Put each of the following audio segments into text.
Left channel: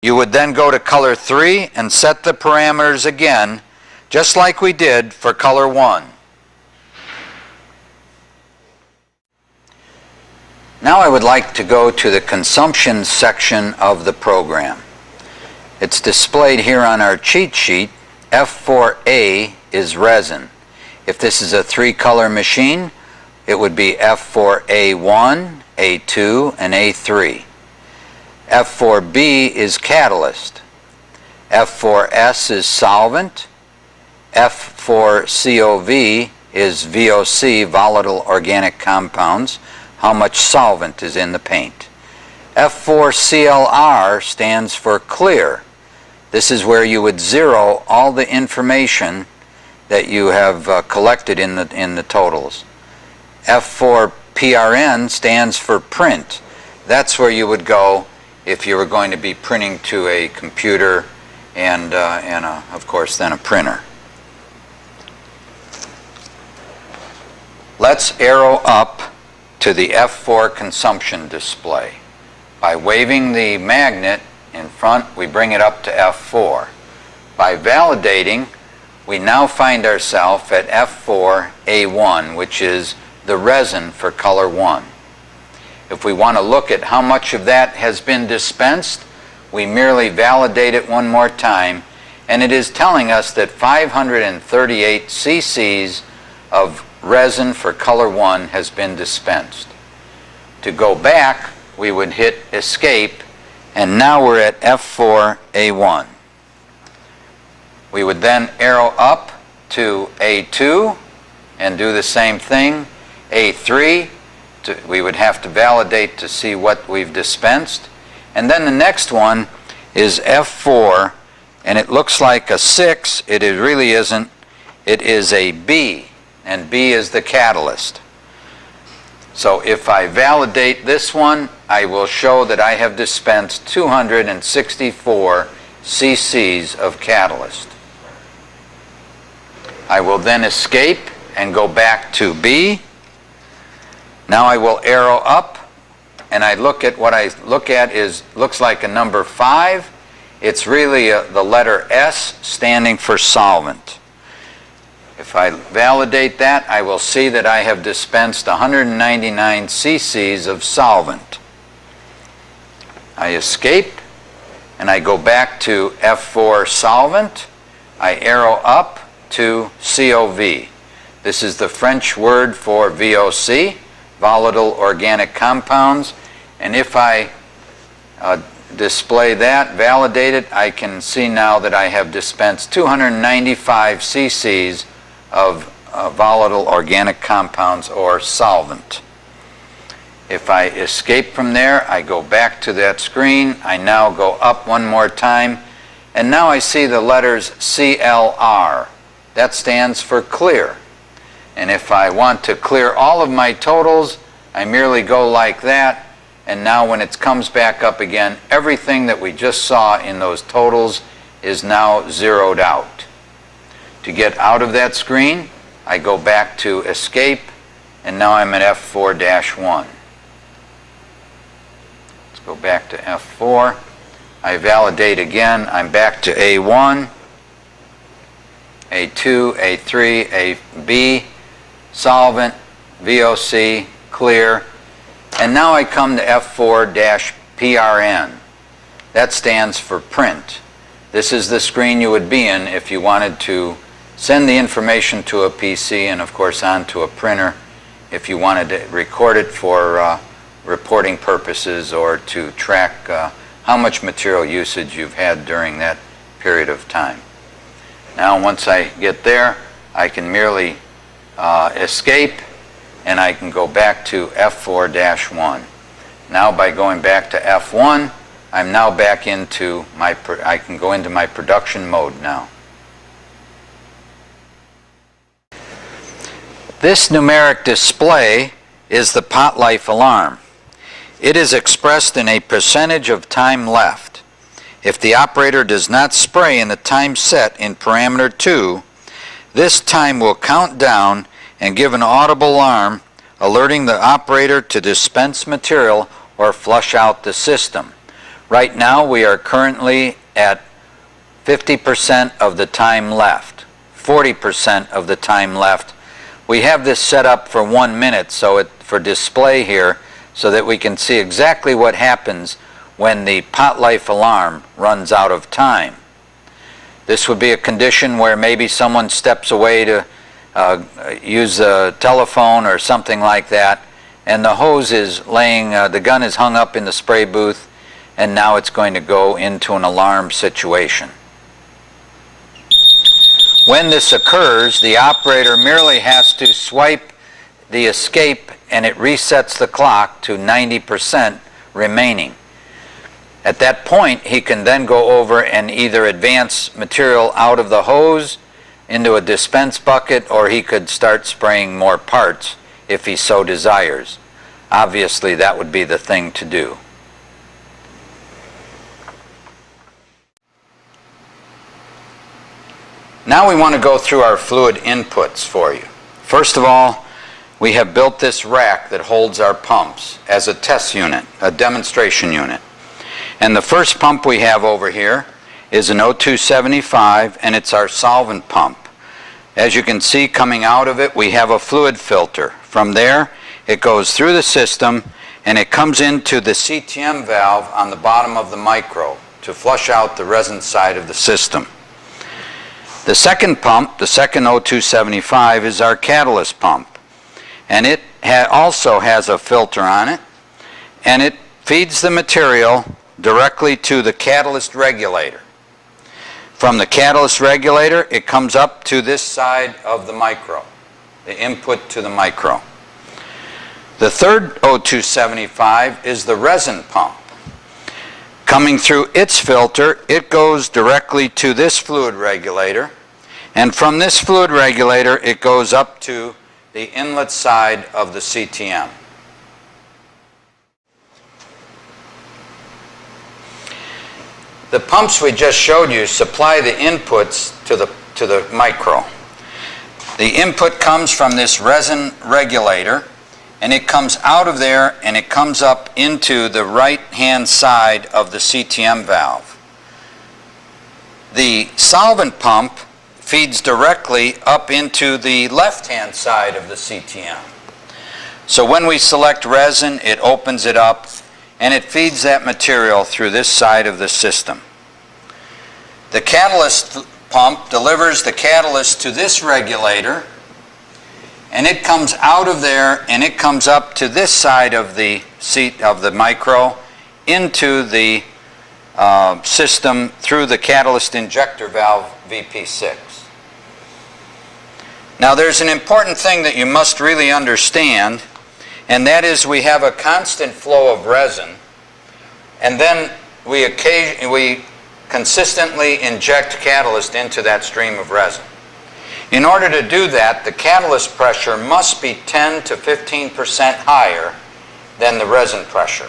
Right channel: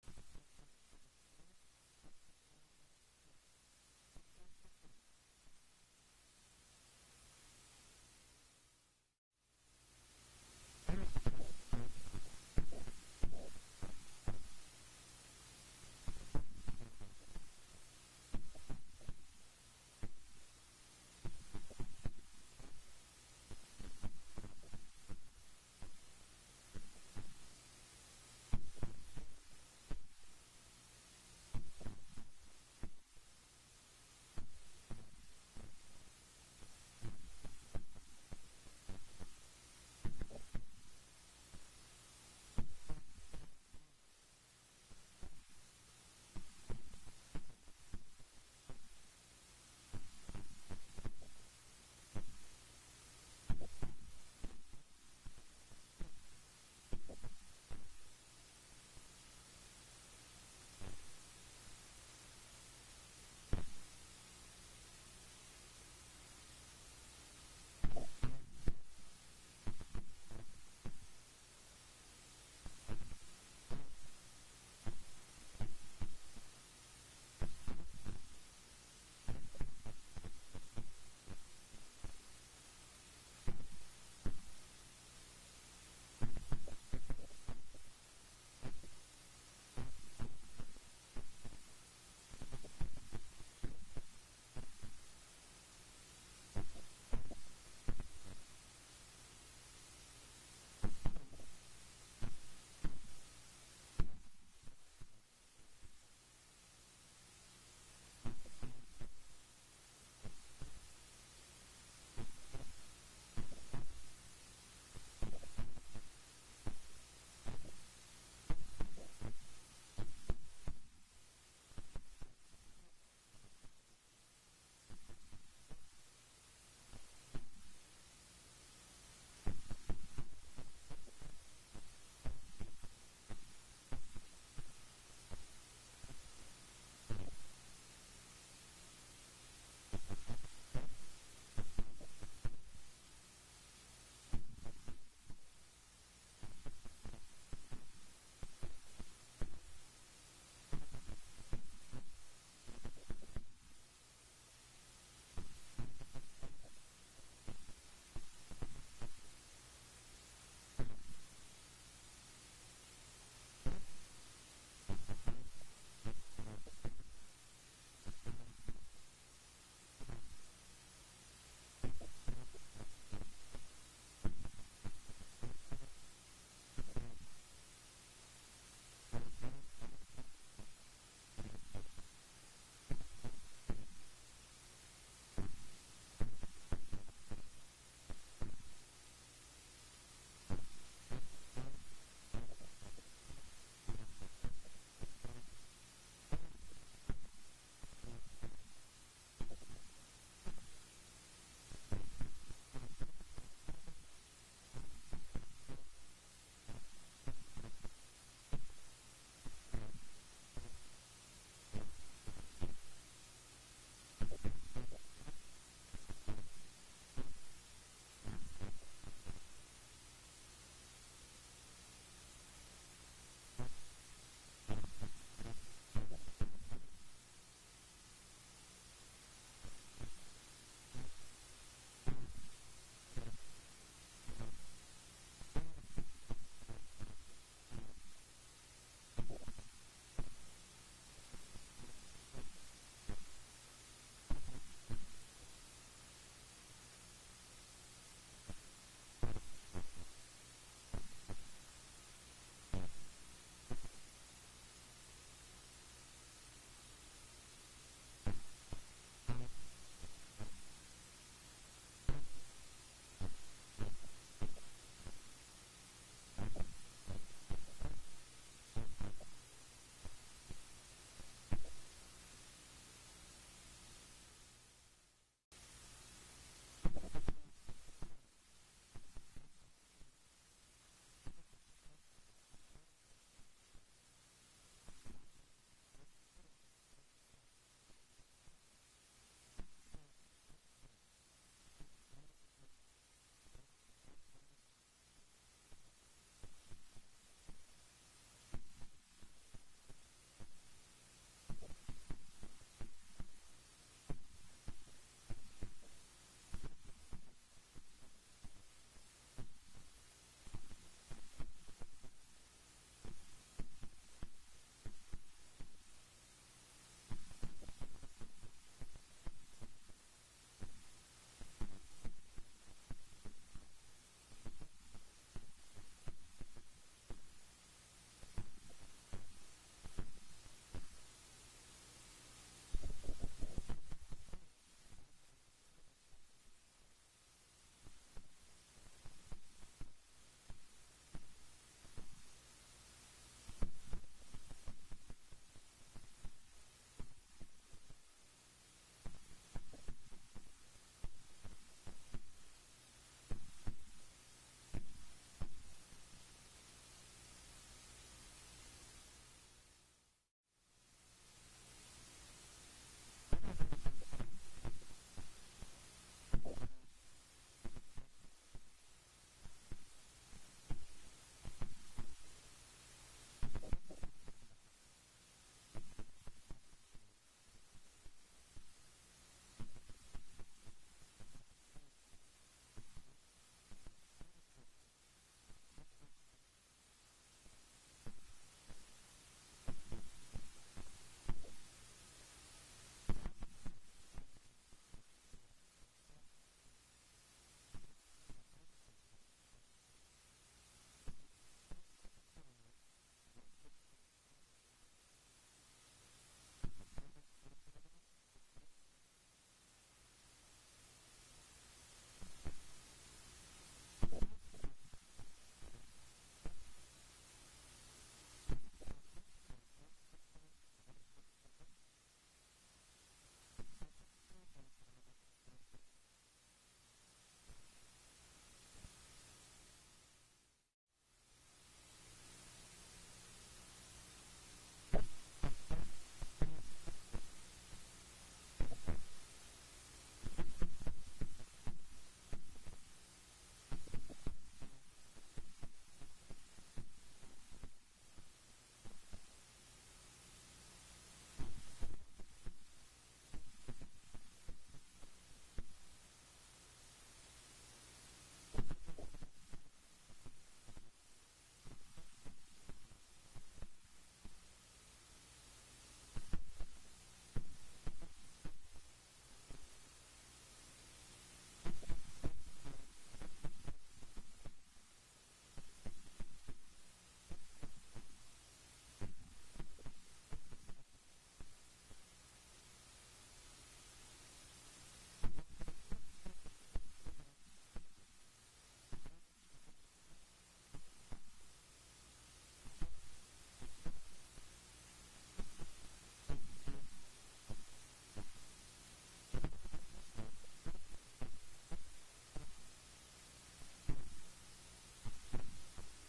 You would then go to color 3 and set the parameters again, just like we did for color 1. Now I would like to go to the consumption section of the program. It's displayed here on our cheat sheet. F4A is resin. If this is a 3-color machine, it would be F4A1, A2, and A3. F4B is catalyst. F4S is solvent. F4COV is VOC, volatile organic compounds, how much solvent is in the paint. F4CLR stands for clear. This is where you would zero all the information that you have collected in the totals. F4PRN stands for print. That's where you would go if you were going to be printing to a computer and of course then a printer. Let's arrow up to the F4 consumption display. By waving the magnet in front, we bring it up to F4. By validating, we now find ourselves at F4A1, which is the resin for color 1. If we want to look at how much of that has been dispensed, we merely validate it one more time, and it is telling us that 538 cc's of resin for color 1 has been dispensed. To go back, we would hit escape, and now we're at F4A1. We would then arrow up to A2 and do the same thing. A3, we would have to validate to see what we've dispensed. And then the next one is F4, and it looks like a 6. It really isn't. It is a B, and B is the catalyst. So if I validate this one, I will show that I have dispensed 264 cc's of catalyst. I will then escape and go back to B. Now I will arrow up, and I look at what I look at looks like a number 5. It's really the letter S standing for solvent. If I validate that, I will see that I have dispensed 199 cc's of solvent. I escape, and I go back to F4 solvent. I arrow up to COV. This is the French word for VOC, volatile organic compounds, and if I display that, validate it, I can see now that I have dispensed 295 cc's of volatile organic compounds or solvent. If I escape from there, I go back to that screen. I now go up one more time, and now I see the letters CLR. That stands for clear. And if I want to clear all of my totals, I merely go like that, and now when it comes back up again, everything that we just saw in those totals is now zeroed out. To get out of that screen, I go back to escape, and now I'm at F4-1. Let's go back to F4. I validate again. I'm back to A1, A2, A3, AB, solvent, VOC, clear, and now I come to F4-PRN. That stands for print. This is the screen you would be in if you wanted to send the information to a PC and of course onto a printer if you wanted to record it for reporting purposes or to track how much material usage you've had during that period of time. Now once I get there, I can merely escape, and I can go back to F4-1. Now by going back to F1, I'm now back into I can go into my production mode now. This numeric display is the pot life alarm. It is expressed in a percentage of time left. If the operator does not spray in the time set in parameter 2, this time will count down and give an audible alarm alerting the operator to dispense material or flush out the system. Right now we are currently at 50% of the time left, 40% of the time left. We have this set up for 1 minute for display here so that we can see exactly what happens when the pot life alarm runs out of time. This would be a condition where maybe someone steps away to use a telephone or something like that, and the hose is laying, the gun is hung up in the spray booth, and now it's going to go into an alarm situation. When this occurs, the operator merely has to swipe the escape and it resets the clock to 90% remaining. At that point, he can then go over and either advance material out of the hose into a dispense bucket, or he could start spraying more parts if he so desires. Obviously, that would be the thing to do. Now we want to go through our fluid inputs for you. First of all, we have built this rack that holds our pumps as a test unit, a demonstration unit. And the first pump we have over here is an 0275, and it's our solvent pump. As you can see, coming out of it, we have a fluid filter. From there, it goes through the system and it comes into the CTM valve on the bottom of the micro to flush out the resin side of the system. The second pump, the second 0275, is our catalyst pump. And it also has a filter on it, and it feeds the material directly to the catalyst regulator. From the catalyst regulator, it comes up to this side of the micro, the input to the micro. The third 0275 is the resin pump. Coming through its filter, it goes directly to this fluid regulator, and from this fluid regulator, it goes up to the inlet side of the CTM. The pumps we just showed you supply the inputs to the micro. The input comes from this resin regulator, and it comes out of there and it comes up into the right-hand side of the CTM valve. The solvent pump feeds directly up into the left-hand side of the CTM. So when we select resin, it opens it up and it feeds that material through this side of the system. The catalyst pump delivers the catalyst to this regulator, and it comes out of there and it comes up to this side of the seat of the micro into the system through the catalyst injector valve VP6. Now there's an important thing that you must really understand, and that is we have a constant flow of resin, and then we consistently inject catalyst into that stream of resin. In order to do that, the catalyst pressure must be 10 to 15% higher than the resin pressure.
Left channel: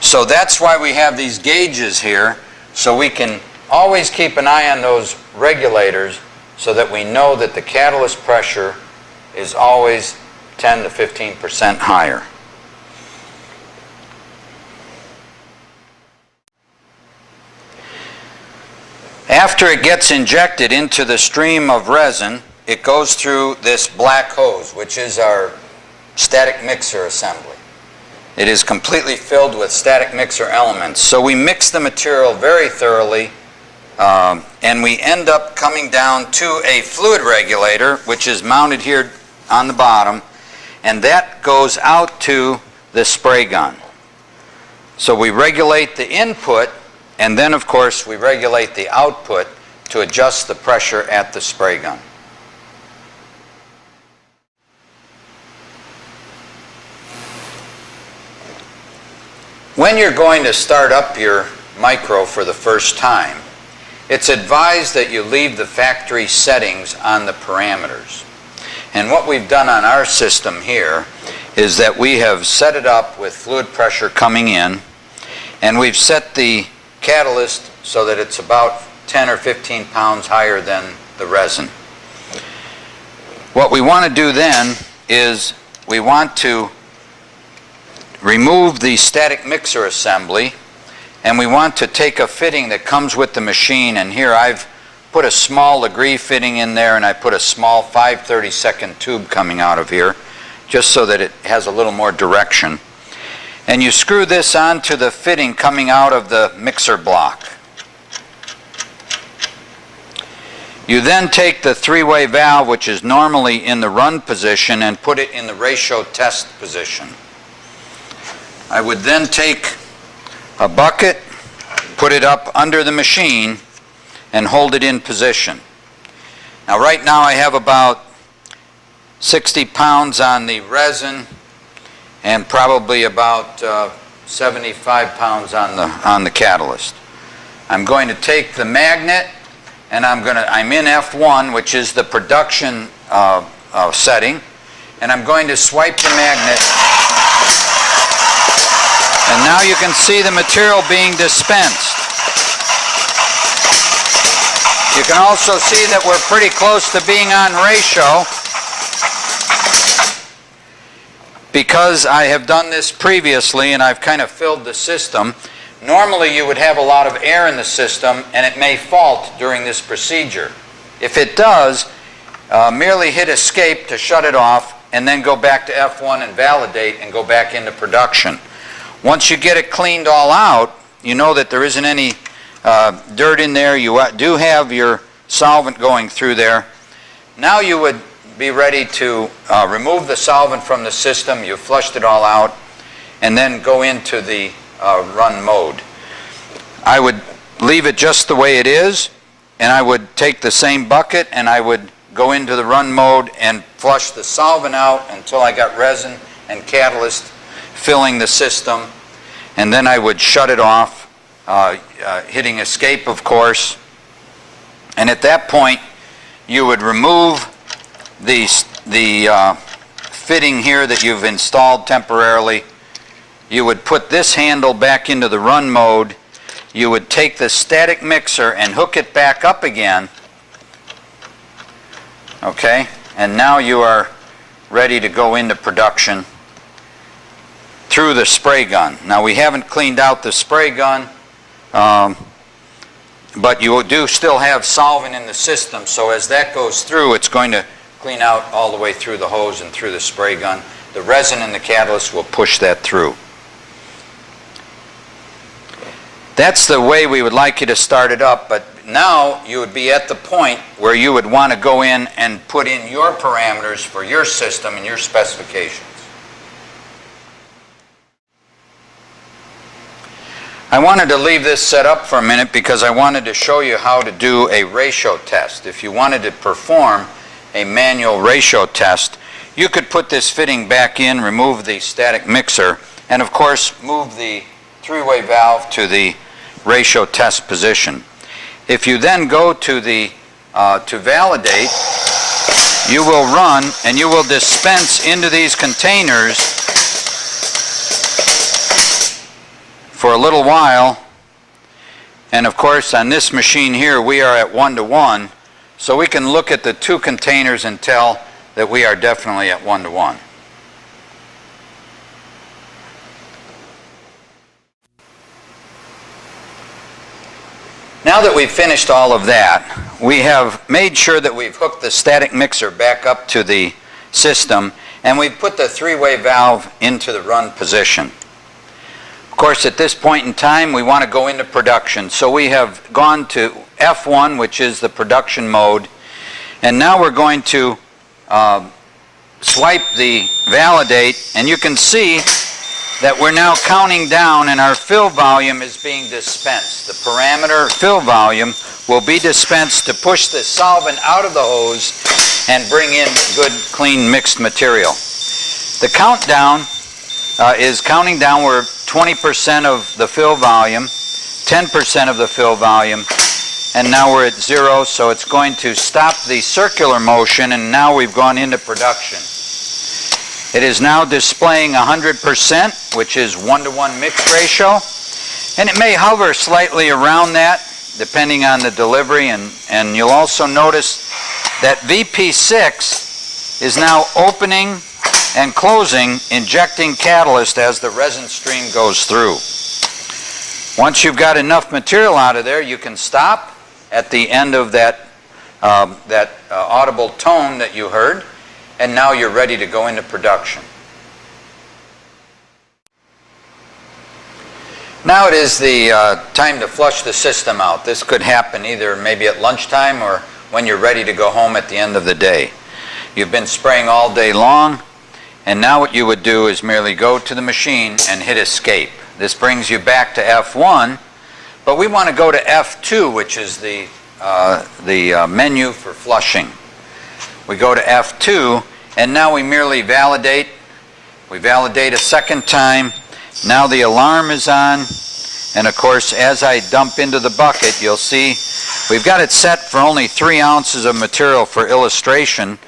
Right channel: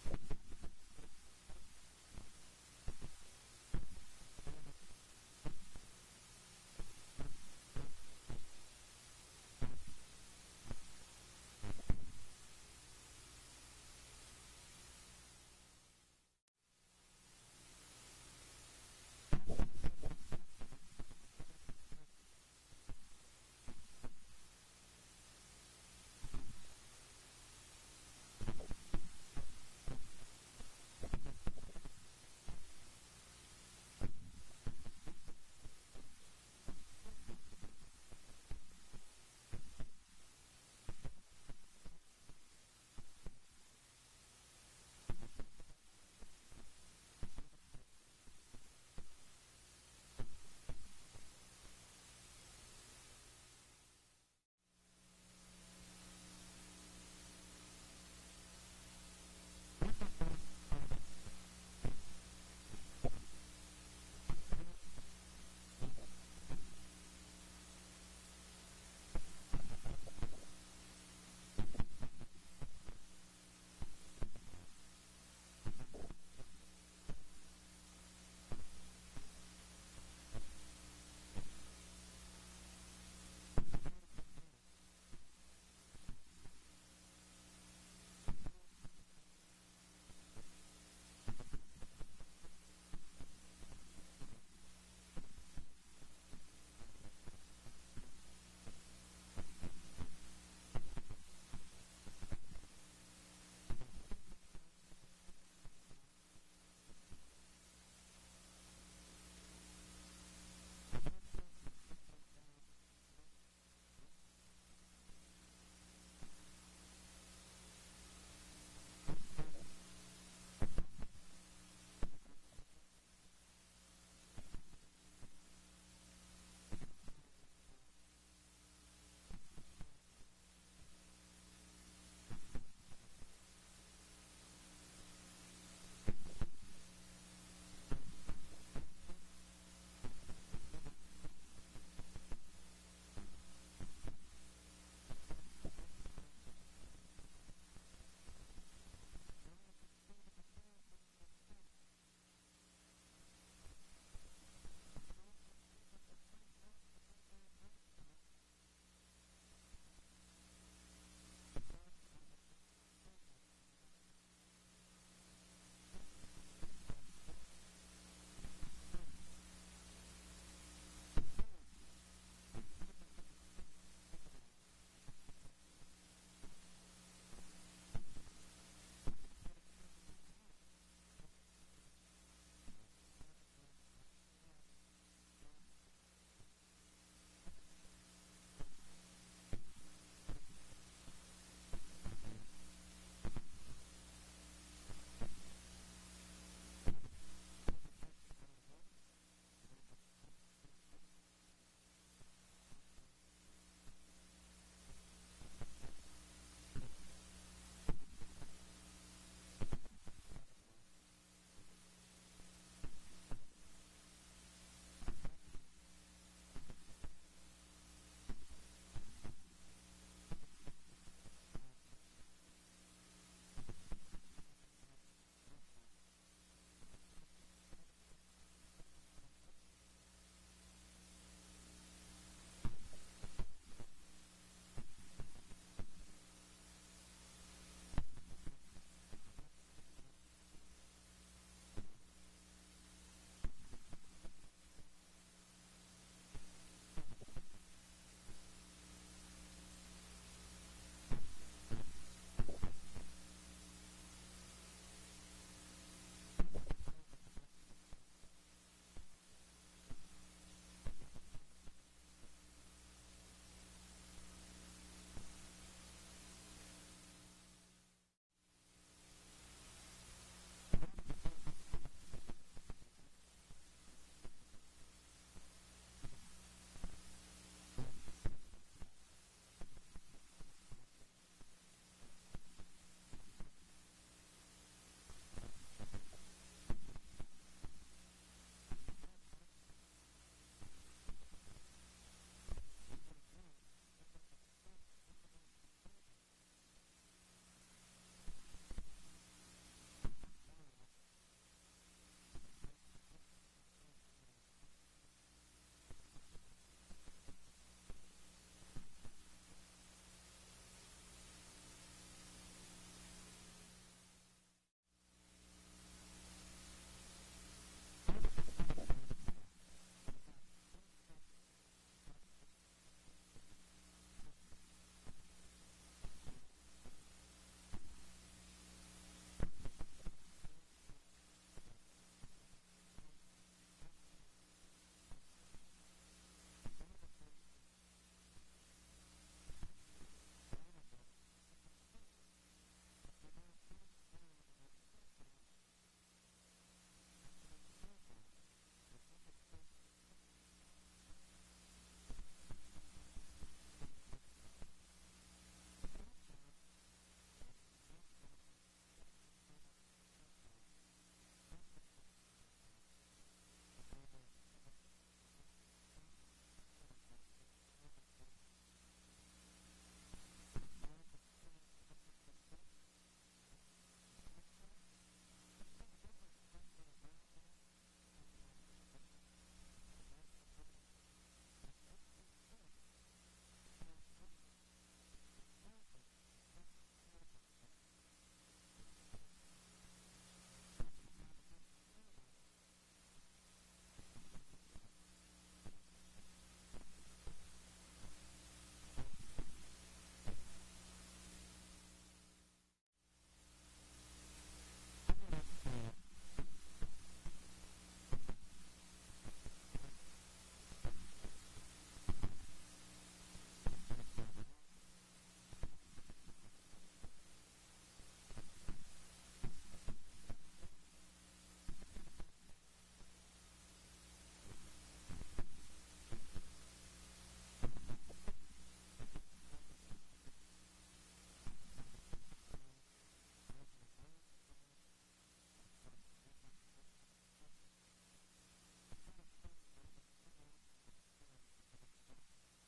So that's why we have these gauges here, so we can always keep an eye on those regulators so that we know that the catalyst pressure is always 10 to 15% higher. After it gets injected into the stream of resin, it goes through this black hose, which is our static mixer assembly. It is completely filled with static mixer elements. So we mix the material very thoroughly, and we end up coming down to a fluid regulator, which is mounted here on the bottom, and that goes out to the spray gun. So we regulate the input, and then of course we regulate the output to adjust the pressure at the spray gun. When you're going to start up your micro for the first time, it's advised that you leave the factory settings on the parameters. And what we've done on our system here is that we have set it up with fluid pressure coming in, and we've set the catalyst so that it's about 10 or 15 pounds higher than the resin. What we want to do then is we want to remove the static mixer assembly, and we want to take a fitting that comes with the machine, and here I've put a small Legree fitting in there, and I put a small 5/32 tube coming out of here, just so that it has a little more direction. And you screw this onto the fitting coming out of the mixer block. You then take the three-way valve, which is normally in the run position, and put it in the ratio test position. I would then take a bucket, put it up under the machine, and hold it in position. Now right now I have about 60 pounds on the resin and probably about 75 pounds on the catalyst. I'm going to take the magnet, and I'm in F1, which is the production setting, and I'm going to swipe the magnet, and now you can see the material being dispensed. You can also see that we're pretty close to being on ratio, because I have done this previously and I've kind of filled the system. Normally you would have a lot of air in the system and it may fault during this procedure. If it does, merely hit escape to shut it off and then go back to F1 and validate and go back into production. Once you get it cleaned all out, you know that there isn't any dirt in there. You do have your solvent going through there. Now you would be ready to remove the solvent from the system. You've flushed it all out, and then go into the run mode. I would leave it just the way it is, and I would take the same bucket and I would go into the run mode and flush the solvent out until I got resin and catalyst filling the system, and then I would shut it off, hitting escape, of course. And at that point you would remove the fitting here that you've installed temporarily. You would put this handle back into the run mode. You would take the static mixer and hook it back up again. Okay, and now you are ready to go into production through the spray gun. Now we haven't cleaned out the spray gun, but you do still have solvent in the system, so as that goes through, it's going to clean out all the way through the hose and through the spray gun. The resin and the catalyst will push that through. That's the way we would like you to start it up, but now you would be at the point where you would want to go in and put in your parameters for your system and your specifications. I wanted to leave this set up for a minute because I wanted to show you how to do a ratio test. If you wanted to perform a manual ratio test, you could put this fitting back in, remove the static mixer, and of course move the three-way valve to the ratio test position. If you then go to the to validate, you will run and you will dispense into these containers for a little while, and of course on this machine here we are at 1:1, so we can look at the two containers and tell that we are definitely at 1:1. Now that we've finished all of that, we have made sure that we've hooked the static mixer back up to the system, and we've put the three-way valve into the run position. Of course, at this point in time, we want to go into production, so we have gone to F1, which is the production mode, and now we're going to swipe the validate, and you can see that we're now counting down and our fill volume is being dispensed. The parameter fill volume will be dispensed to push the solvent out of the hose and bring in good, clean, mixed material. The countdown is counting down. We're 20% of the fill volume, 10% of the fill volume, and now we're at 0, so it's going to stop the circular motion, and now we've gone into production. It is now displaying 100%, which is 1:1 mix ratio, and it may hover slightly around that depending on the delivery, and you'll also notice that VP6 is now opening and closing, injecting catalyst as the resin stream goes through. Once you've got enough material out of there, you can stop at the end of that, audible tone that you heard, and now you're ready to go into production. Now it is the time to flush the system out. This could happen either maybe at lunchtime or when you're ready to go home at the end of the day. You've been spraying all day long, and now what you would do is merely go to the machine and hit escape. This brings you back to F1, but we want to go to F2, which is the menu for flushing. We go to F2, and now we merely validate. We validate a second time. Now the alarm is on, and of course as I dump into the bucket, you'll see we've got it set for only 3 ounces of material for illustration.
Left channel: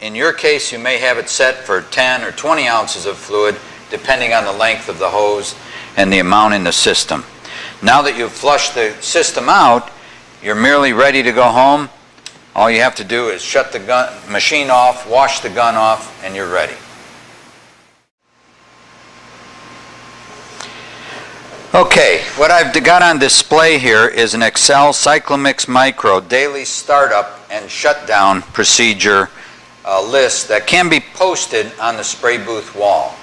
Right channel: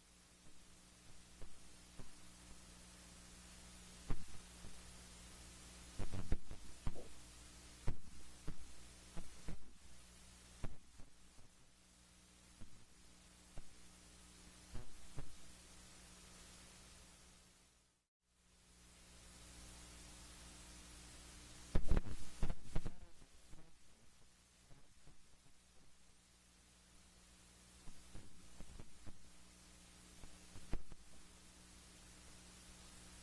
In your case, you may have it set for 10 or 20 ounces of fluid, depending on the length of the hose and the amount in the system. Now that you've flushed the system out, you're merely ready to go home. All you have to do is shut the machine off, wash the gun off, and you're ready. Okay, what I've got on display here is an Excel Cyclomix Micro daily startup and shutdown procedure list that can be posted on the spray booth wall.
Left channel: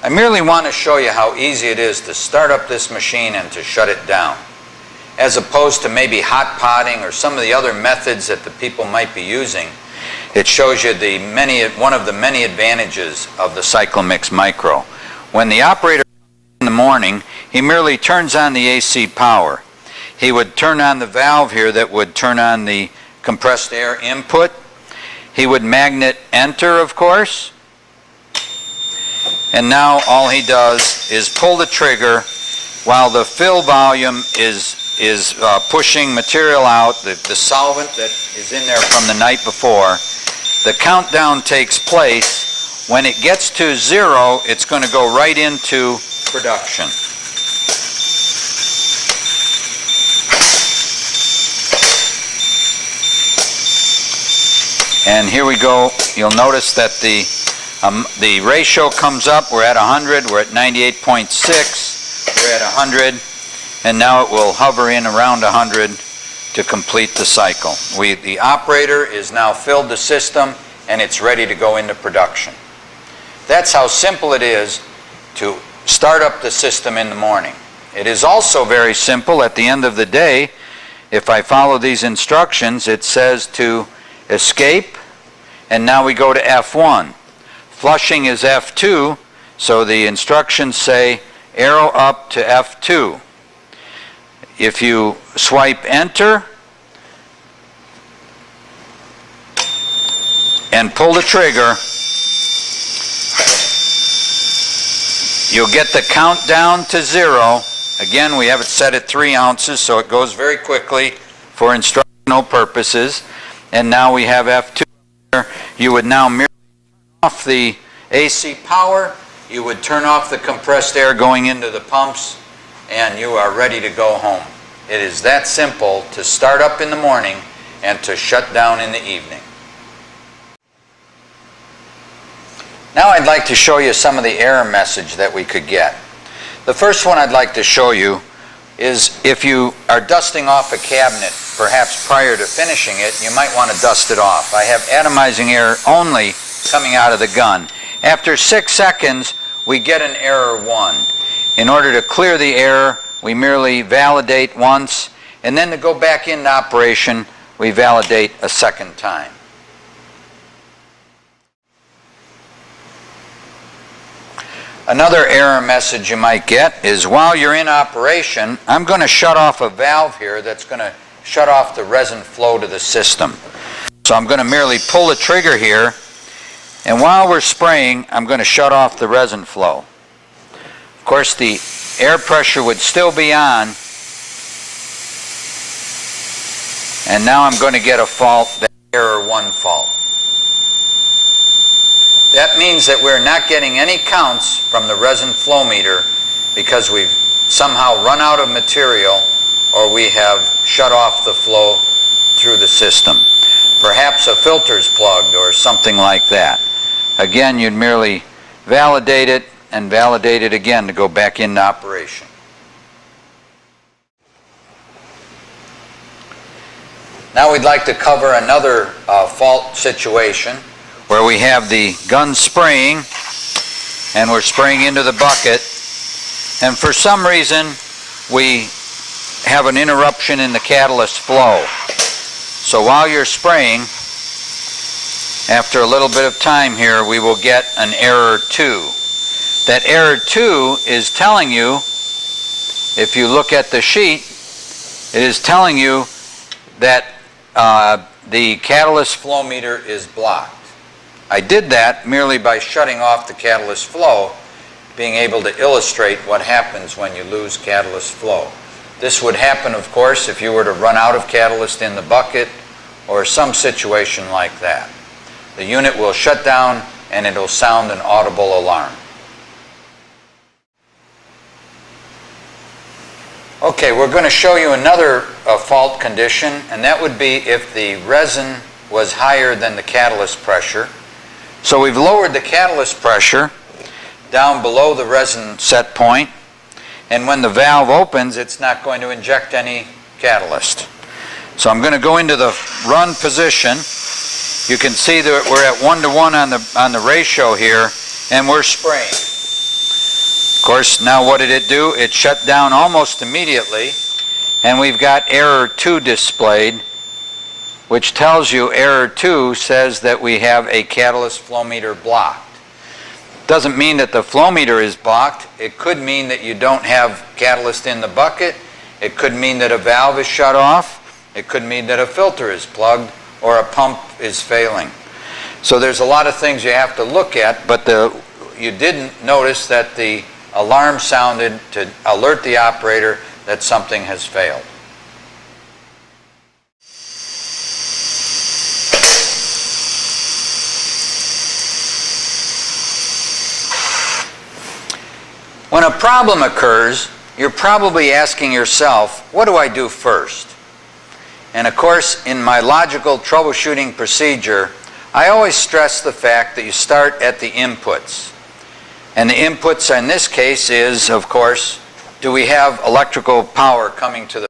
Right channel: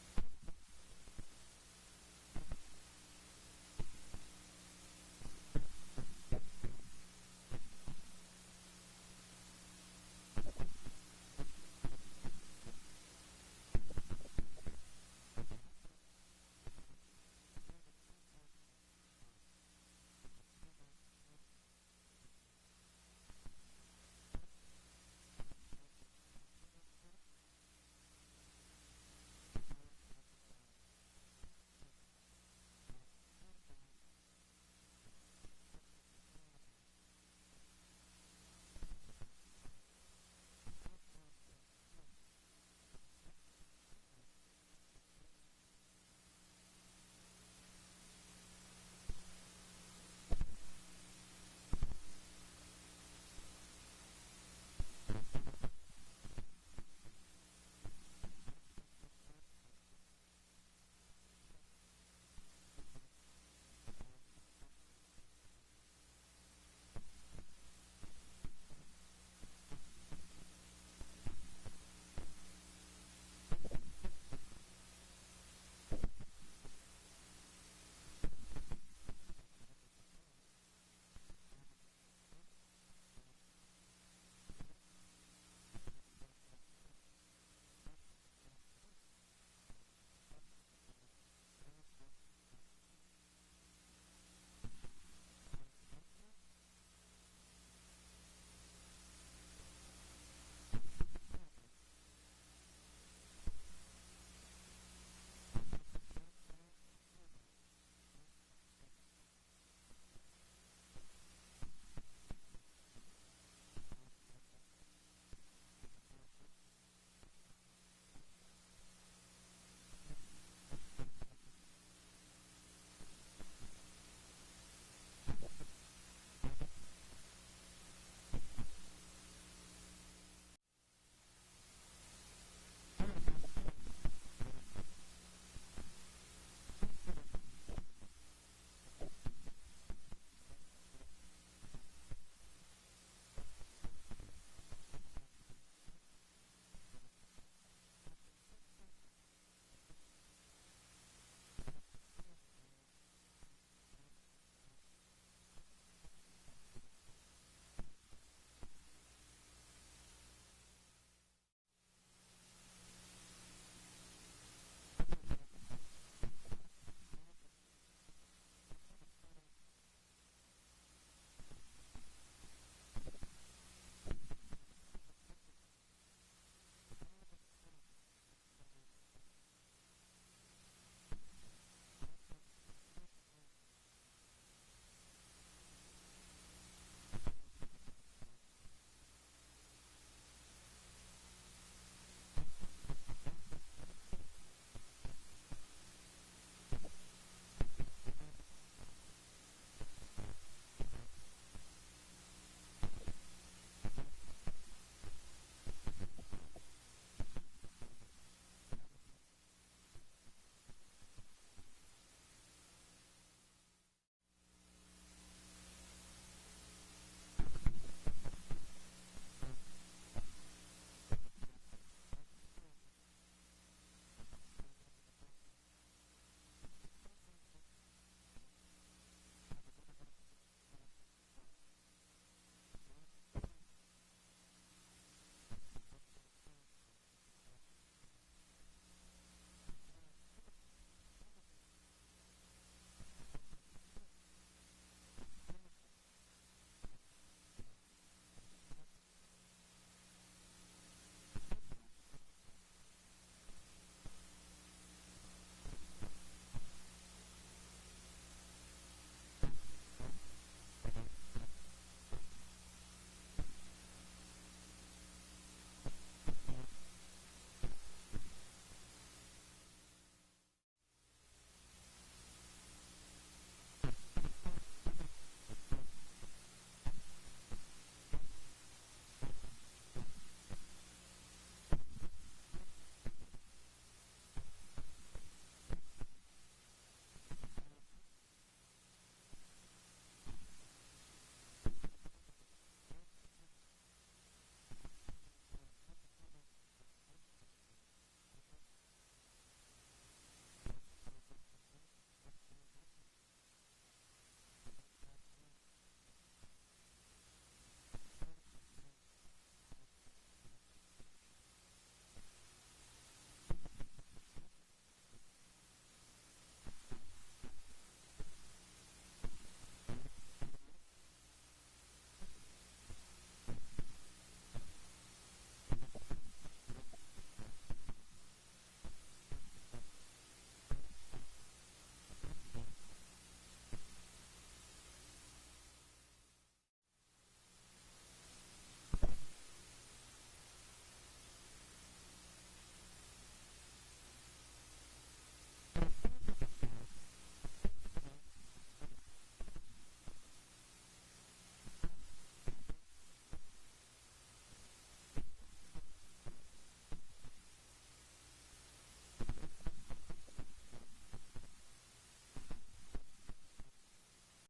I merely want to show you how easy it is to start up this machine and to shut it down, as opposed to maybe hot potting or some of the other methods that the people might be using. It shows you one of the many advantages of the Cyclomix Micro. When the operator in the morning, he merely turns on the AC power. He would turn on the valve here that would turn on the compressed air input. He would magnet enter, of course. And now all he does is pull the trigger while the fill volume is pushing material out, the solvent that is in there from the night before. The countdown takes place. When it gets to 0, it's going to go right into production. And here we go. You'll notice that the ratio comes up. We're at 100. We're at 98.6. We're at 100. And now it will hover in around 100 to complete the cycle. The operator is now filled the system, and it's ready to go into production. That's how simple it is to start up the system in the morning. It is also very simple at the end of the day. If I follow these instructions, it says to escape, and now we go to F1. Flushing is F2, so the instructions say arrow up to F2. If you swipe enter and pull the trigger, you'll get the countdown to 0. Again, we have it set at 3 ounces, so it goes very quickly for instructional purposes. And now we have F2. You would now merely turn off the AC power. You would turn off the compressed air going into the pumps, and you are ready to go home. It is that simple to start up in the morning and to shut down in the evening. Now I'd like to show you some of the error message that we could get. The first one I'd like to show you is if you are dusting off a cabinet, perhaps prior to finishing it, you might want to dust it off. I have atomizing air only coming out of the gun. After 6 seconds, we get an error 1. In order to clear the error, we merely validate once, and then to go back into operation, we validate a second time. Another error message you might get is while you're in operation, I'm going to shut off a valve here that's going to shut off the resin flow to the system. So I'm going to merely pull the trigger here, and while we're spraying, I'm going to shut off the resin flow. Of course, the air pressure would still be on, and now I'm going to get a fault, that error 1 fault. That means that we're not getting any counts from the resin flow meter because we've somehow run out of material or we have shut off the flow through the system. Perhaps a filter's plugged or something like that. Again, you'd merely validate it and validate it again to go back into operation. Now we'd like to cover another fault situation where we have the gun spraying and we're spraying into the bucket, and for some reason we have an interruption in the catalyst flow. So while you're spraying, after a little bit of time here, we will get an error 2. That error 2 is telling you, if you look at the sheet, it is telling you that the catalyst flow meter is blocked. I did that merely by shutting off the catalyst flow, being able to illustrate what happens when you lose catalyst flow. This would happen, of course, if you were to run out of catalyst in the bucket or some situation like that. The unit will shut down and it'll sound an audible alarm. Okay, we're going to show you another fault condition, and that would be if the resin was higher than the catalyst pressure. So we've lowered the catalyst pressure down below the resin set point, and when the valve opens, it's not going to inject any catalyst. So I'm going to go into the run position. You can see that we're at 1:1 on the ratio here, and we're spraying. Of course, now what did it do? It shut down almost immediately, and we've got error 2 displayed, which tells you error 2 says that we have a catalyst flow meter blocked. Doesn't mean that the flow meter is blocked. It could mean that you don't have catalyst in the bucket. It could mean that a valve is shut off. It could mean that a filter is plugged or a pump is failing. So there's a lot of things you have to look at, but you didn't notice that the alarm sounded to alert the operator that something has failed. When a problem occurs, you're probably asking yourself, what do I do first? And of course, in my logical troubleshooting procedure, I always stress the fact that you start at the inputs. And the inputs in this case is, of course, do we have electrical power coming to the